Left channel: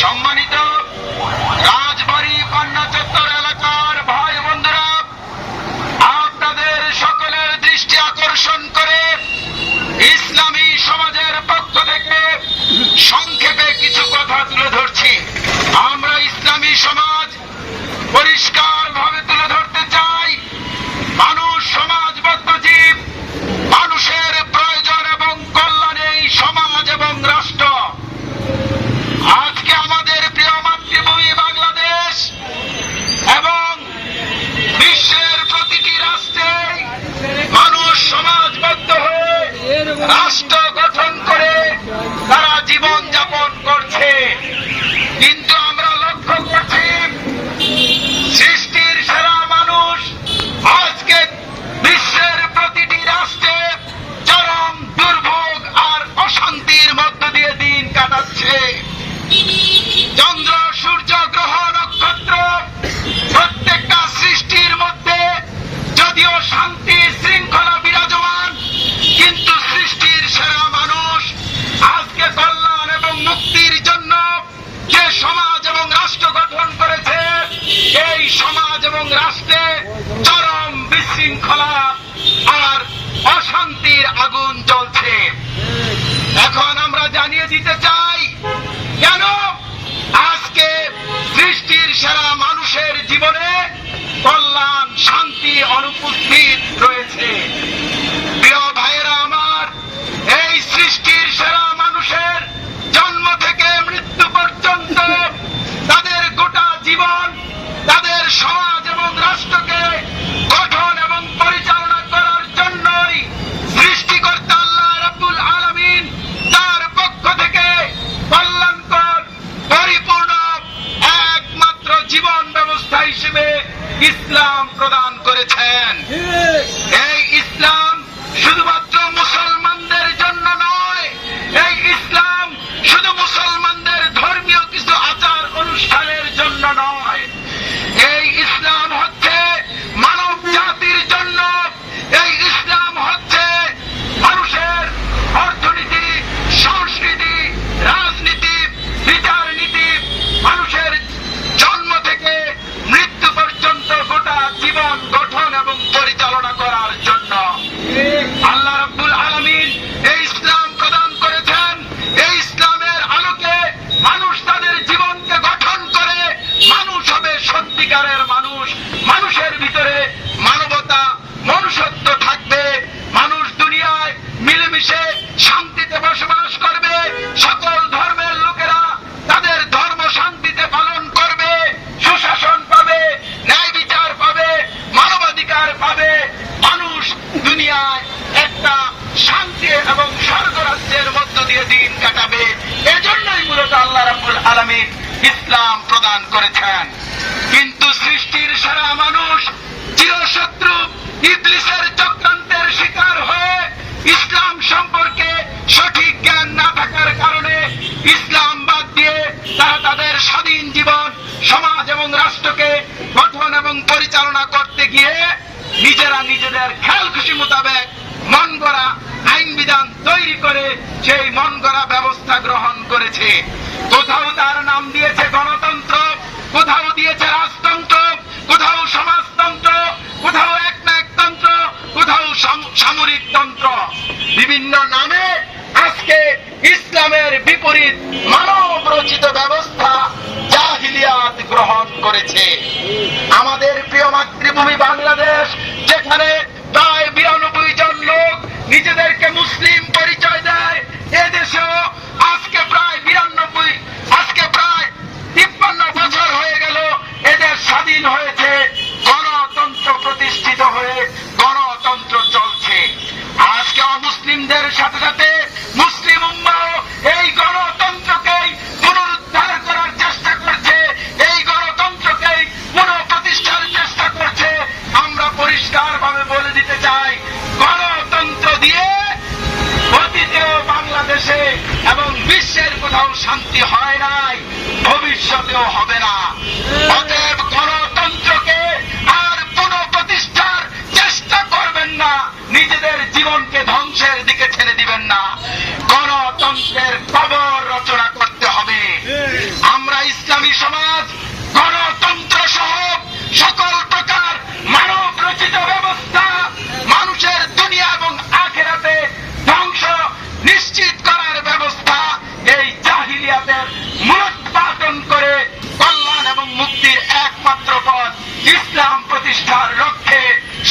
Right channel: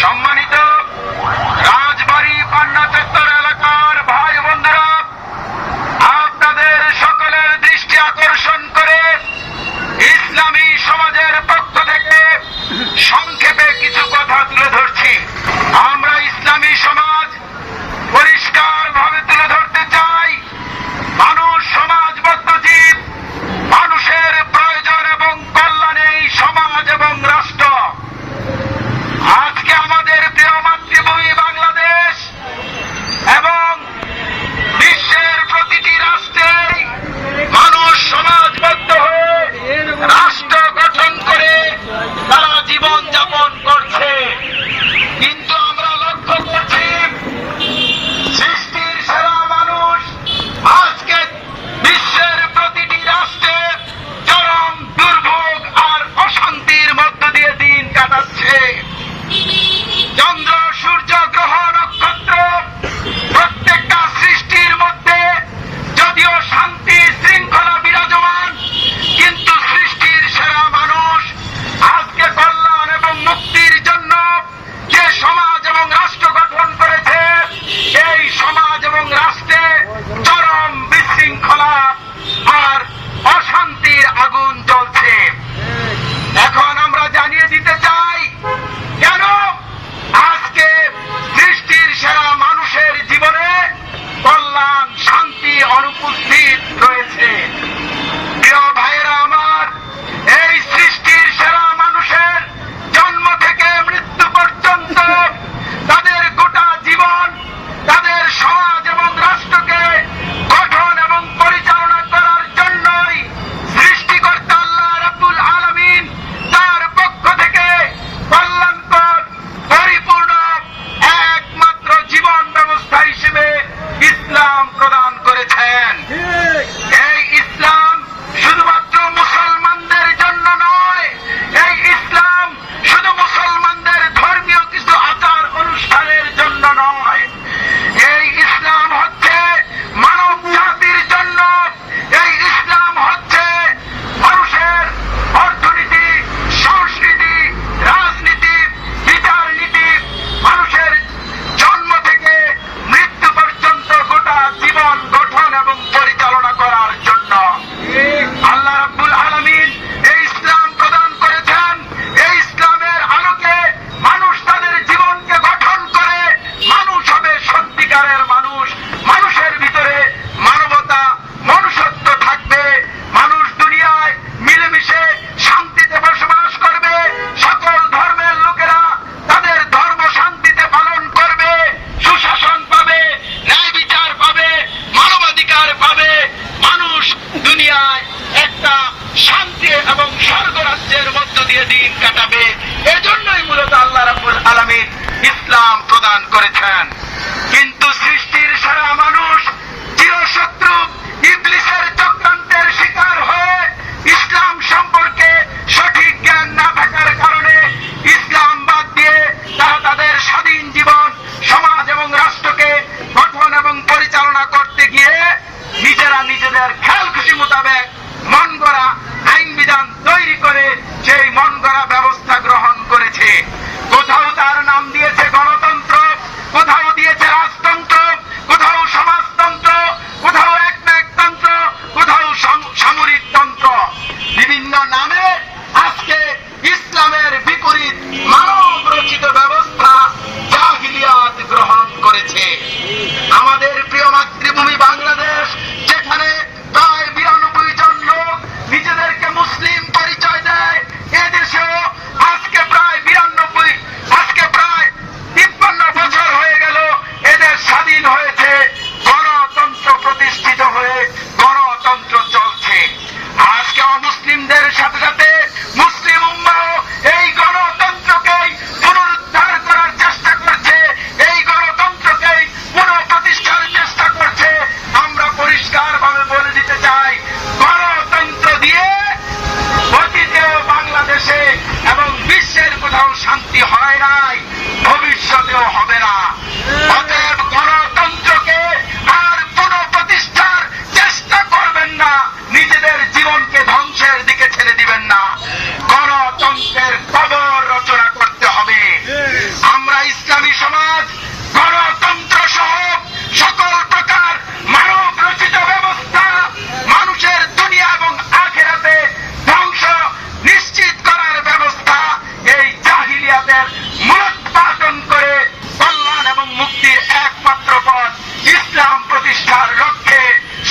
সম্মানিত রাজবাড়ী পান্না চত্বর এলাকার ভাই বন্ধুরা, আপনাদের সকলের দৃষ্টি আকর্ষণ করে ইসলামী সমাজের পক্ষ থেকে সংক্ষেপে কিছু কথা তুলে ধরছি। আমরা ইসলামী সমাজ পরিষ্কারভাবে তুলে ধরতে চাই, মানুষ সমাজবদ্ধ জীব, মানুষের প্রয়োজন এবং কল্যাণেই সমাজ এবং রাষ্ট্র। আজকে আমাদের প্রিয় মাতৃভূমি বাংলাদেশ এবং বিশ্বের প্রতিটি রাষ্ট্রে মানুষ সমাজবদ্ধ হয়ে রাষ্ট্র গঠন করে তারা জীবন যাপন করছে, কিন্তু আমরা লক্ষ্য করছি সৃষ্টির সেরা মানুষ আজকে বিশ্বের প্রতিটি রাষ্ট্রে চরম দুর্ভোগ আর অশান্তির মধ্য দিয়ে দিন কাটাচ্ছে। চন্দ্র, সূর্য, গ্রহ, নক্ষত্র প্রত্যেকটা সৃষ্টির মধ্যে যদিও শান্তি শৃঙ্খলা বিরাজমান, কিন্তু সৃষ্টির সেরা মানুষ আজকে কল্যাণ এবং মুক্তির জন্য যে সমাজ এবং রাষ্ট্র গঠন করেছে, এই সমাজ এবং রাষ্ট্রে চরম বিশৃঙ্খলা আর অশান্তির আগুন জ্বলছে। এখন আমরা জানিয়ে দিতে চাই কেন আজকে সৃষ্টির সেরা মানুষের জীবনে কল্যাণ শান্তি অনুপস্থিত রয়েছে। প্রিয় ভাইয়েরা আমার, এই সৃষ্টির সেরা মানুষের জন্ম থেকে মৃত্যু পর্যন্ত তাদের গোটা জীবন তাদের সমাজ এবং রাষ্ট্রকে গঠন এবং পরিচালনা করার জন্যই সৃষ্টিকর্তা আল্লাহ রাব্বুল আলামিন তার পক্ষ থেকে কল্যাণকর পরিপূর্ণ একমাত্র জীবন ব্যবস্থা হিসেবে ইসলাম প্রদান করেছেন। এই ইসলাম শুধুমাত্র মুসলমানদের জন্য নয়, এই ইসলাম শুধু মুসলমানদের ধর্মীয় কিছু আচার অনুষ্ঠানের জন্য নয়, এই ইসলাম হচ্ছে মানব জাতির জন্য। এই ইসলাম হচ্ছে মানুষের অর্থনীতি, সংস্কৃতি, রাজনীতি, বিচার নীতি, মানুষের জন্ম থেকে মৃত্যু পর্যন্ত গোটা জীবন গঠন এবং পরিচালনা করার জন্য আল্লাহ রাব্বুল আলামিন এই ইসলাম প্রদান করেছেন। এই ইসলামের আলোকে মানুষ তাদের জীবনকে গঠন করে মানুষ হবে সত্যিকারের মানুষ। মানুষের ভিতরে মানবতা, মনুষ্যত্ব থাকবে। মানুষ দুনিয়ায় মিলেমিশে শান্তিতে বসবাস করবে। সকল ধর্মের লোকেরা তাদের ধর্ম শান্তিতে পালন করবে, সুশাসন পাবে, ন্যায় বিচার পাবে, মানবাধিকার পাবে। মানুষ দুনিয়ায় একটা শান্তি এবং স্বর্গরাজ্যের মধ্য দিয়ে দিন কাটাবে। এজন্যই মূলত আল্লাহ রাব্বুল আলামিন ইসলাম প্রদান করেছেন। কিন্তু সৃষ্টির সারা মানুষ চিরশত্রু ইবলিসের চক্রান্তের শিকার হয়ে ইসলাম সম্পর্কে সঠিক জ্ঞান না থাকার কারণে ইসলাম বাদ দিয়ে তারা তাদের স্বাধীন জীবন, সমাজ এবং রাষ্ট্রকে গঠন এবং পরিচালনা করতে গিয়ে নিজেরা নিজেদের খেয়াল খুশি মোতাবেক মন গড়া আইন বিধান তৈরি করে সেই মন গড়া ব্যবস্থা গ্রহণ করেছে। কোথাও তার নাম দিয়েছে গণতন্ত্র, কোথাও দিয়েছে রাজতন্ত্র, কোথাও সমাজতন্ত্র, কোথাও একনায়কতন্ত্র, কোথাও সামরিক তন্ত্র। বিভিন্ন নামে আজকে ইসলামের বিপরীত মানব রচিত ব্যবস্থা জাহিলিয়াত গ্রহণ করেছে। আমাদের প্রিয় মাতৃভূমি বাংলাদেশ, যেখানে প্রায় 92 জন লোক নিজেদেরকে মুসলিম পরিচয় দেয়, এদেশেও আজকে প্রায় 53 বছর হয়ে গেল এদের স্বাধীন হয়েছে, গণতন্ত্র প্রতিষ্ঠিত হয়ে গণতন্ত্র চলছে। আজকে অমুসলিমদের সাথে সাথে মুসলিম উম্মাও এই গণতন্ত্রকেই পুনরুদ্ধার করার চেষ্টা করছে, এই গণতন্ত্রকেই পুনঃপ্রতিষ্ঠার চেষ্টা করছে। আমরা পরিষ্কারভাবে বলে দিতে চাই, গণতন্ত্র দিয়ে অতীতেও বাংলাদেশে এবং বিশ্বের কোথাও শান্তি হয় নাই, ভবিষ্যতেও হবে না। অতএব গণতন্ত্রকে আর পুনঃপ্রতিষ্ঠার চেষ্টা করবেন না, নিজেদের জীবনকে ধ্বংসের দিকে ছেড়ে দিবেন না। গণতন্ত্রের কবর রচনা করতে হবে। আমরা ইসলামী সমাজ গণতন্ত্র সহ সকল প্রকার মানব রচিত ব্যবস্থা মানুষের দুনিয়া এবং আখিরাতে ধ্বংস নিশ্চিত করার ব্যবস্থা এই জাহিলিয়াতের মূলোৎপাটন করে কল্যাণ এবং মুক্তির একমাত্র পথ ইসলাম প্রতিষ্ঠার লক্ষ্যে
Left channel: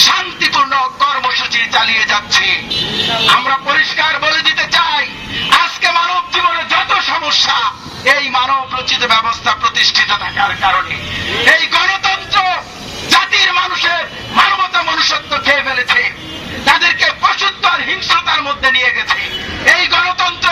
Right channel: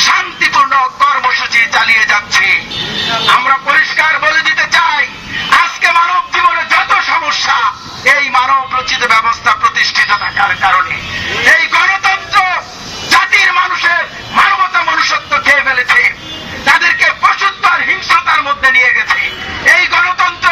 শান্তিপূর্ণ কর্মসূচি চালিয়ে যাচ্ছে। আমরা পরিষ্কার বলে দিতে চাই, আজকে মানব জীবনে যত সমস্যা এই মানব রচিত ব্যবস্থা প্রতিষ্ঠিত থাকার কারণে। এই গণতন্ত্র জাতির মানুষের মানবতা মনুষ্যত্ব খেয়ে ফেলেছে, তাদেরকে পশুত্ব আর হিংস্রতার মধ্যে নিয়ে গেছে। এই গণতন্ত্র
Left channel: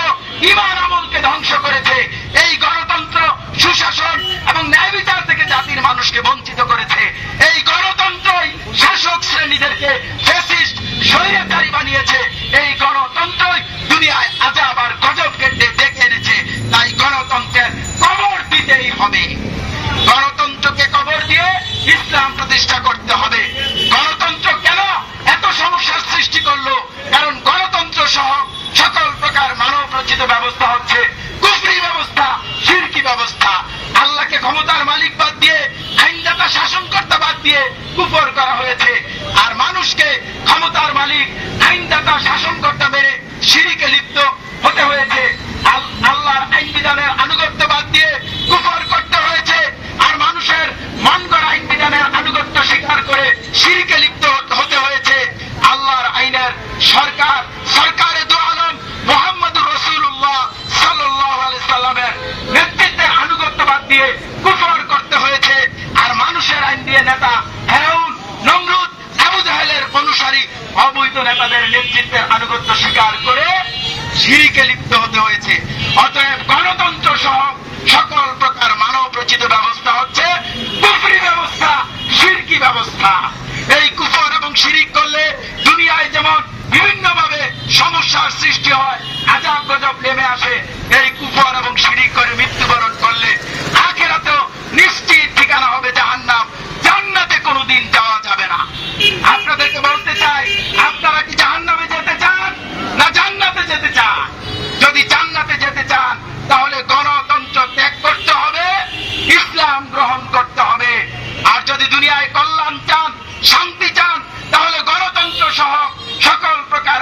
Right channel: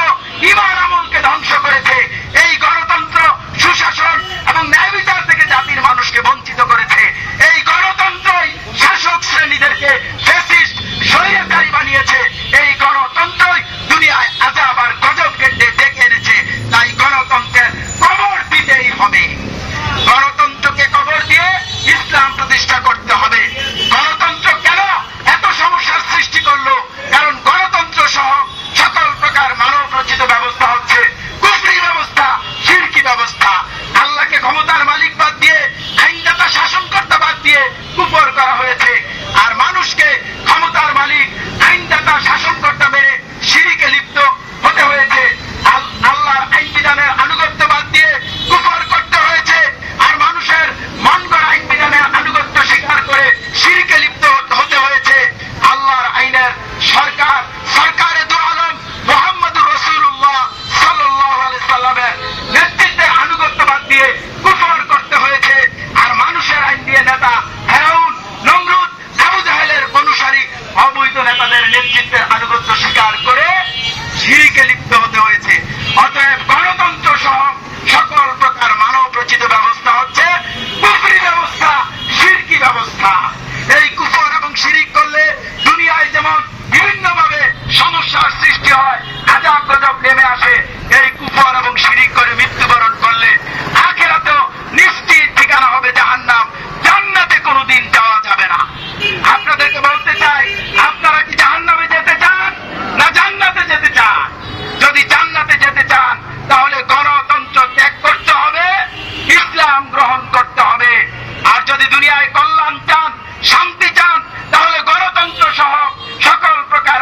ঈমান আমলকে ধ্বংস করেছে। এই গণতন্ত্র সুশাসন এবং ন্যায় বিচার থেকে জাতির মানুষকে বঞ্চিত করেছে। এই গণতন্ত্রই শাসক শ্রেণীদেরকে ফ্যাসিস্ট স্বৈরাচারী বানিয়েছে। এই গণতন্ত্রই দুনিয়ায় আযাব আর গজবকে ডেকে এনেছে। তাই গণতন্ত্রের কবর দিতেই হবে। গণতন্ত্রকে কবর দিয়ে ইসলাম প্রতিষ্ঠা করতে হবে। গণতন্ত্র কেন এত সমস্যার সৃষ্টি করলো? কারণ গণতন্ত্র সহ সকল প্রকার মানব রচিত ব্যবস্থা হচ্ছে কুফরি ব্যবস্থা, শিরকি ব্যবস্থা। আল্লাহকে ক্ষমতার মালিক বাদ দিয়ে, আইনদাতা শাসনকর্তা বাদ দিয়ে কুফর করা হয়েছে। আর মানুষকে ক্ষমতার মালিক, আইনদাতা শাসনকর্তা মেনে শিরকে লিপ্ত হতে হয়েছে। আল্লাহর আইন বিধানের আনুগত্য বাদ দিয়ে কুফর করতে হয়েছে। আর মানুষের মন গড়া আইন বিধানের আনুগত্য স্বীকার করে শিরকে লিপ্ত হতে হয়েছে। আল্লাহর আইনের সরকারে দু আলম মুহাম্মদুর রাসূলুল্লাহ সাল্লাল্লাহু আলাইহি সাল্লামের নেতৃত্বের আনুগত্য বাদ দিয়ে কুফর করতে হয়েছে। আর মানুষের আইন দিয়ে নেতা ফিরআউন, নমরুদ, আবু জাহেলের অনুসারী অবৈধ নেতাদের নেতৃত্বের আনুগত্য স্বীকার করে শিরকে লিপ্ত হতে হয়েছে। অতএব গণতন্ত্র সহ সকল প্রকার মানব রচিত ব্যবস্থা হচ্ছে কুফরি ব্যবস্থা, শিরকি ব্যবস্থা। এই কুফর এবং শিরিক করলে দুনিয়ায় যেমন বিভিন্নভাবে সমস্যার সৃষ্টি হয়, আযাব গজব নেমে আসে, এই কুফর এবং শিরিক করে মৃত্যুবরণ করলে আখিরাতেও নিশ্চিত ঠিকানা হবে জাহান্নাম। জান্নাতে কোনোদিন যাওয়া যাবে না। আপনাদেরকে বলতে চাই, আপনারা কি জাহান্নামে যেতে চান না জান্নাতে যেতে চান? যদি জান্নাতে যেতে চান তাহলে গণতন্ত্র ত্যাগ করতে হবে, ইসলাম গ্রহণ করতে হবে। আর যদি দুনিয়ায় কল্যাণ চান, শান্তি চান, তাহলে গণতন্ত্র সহ সকল প্রকার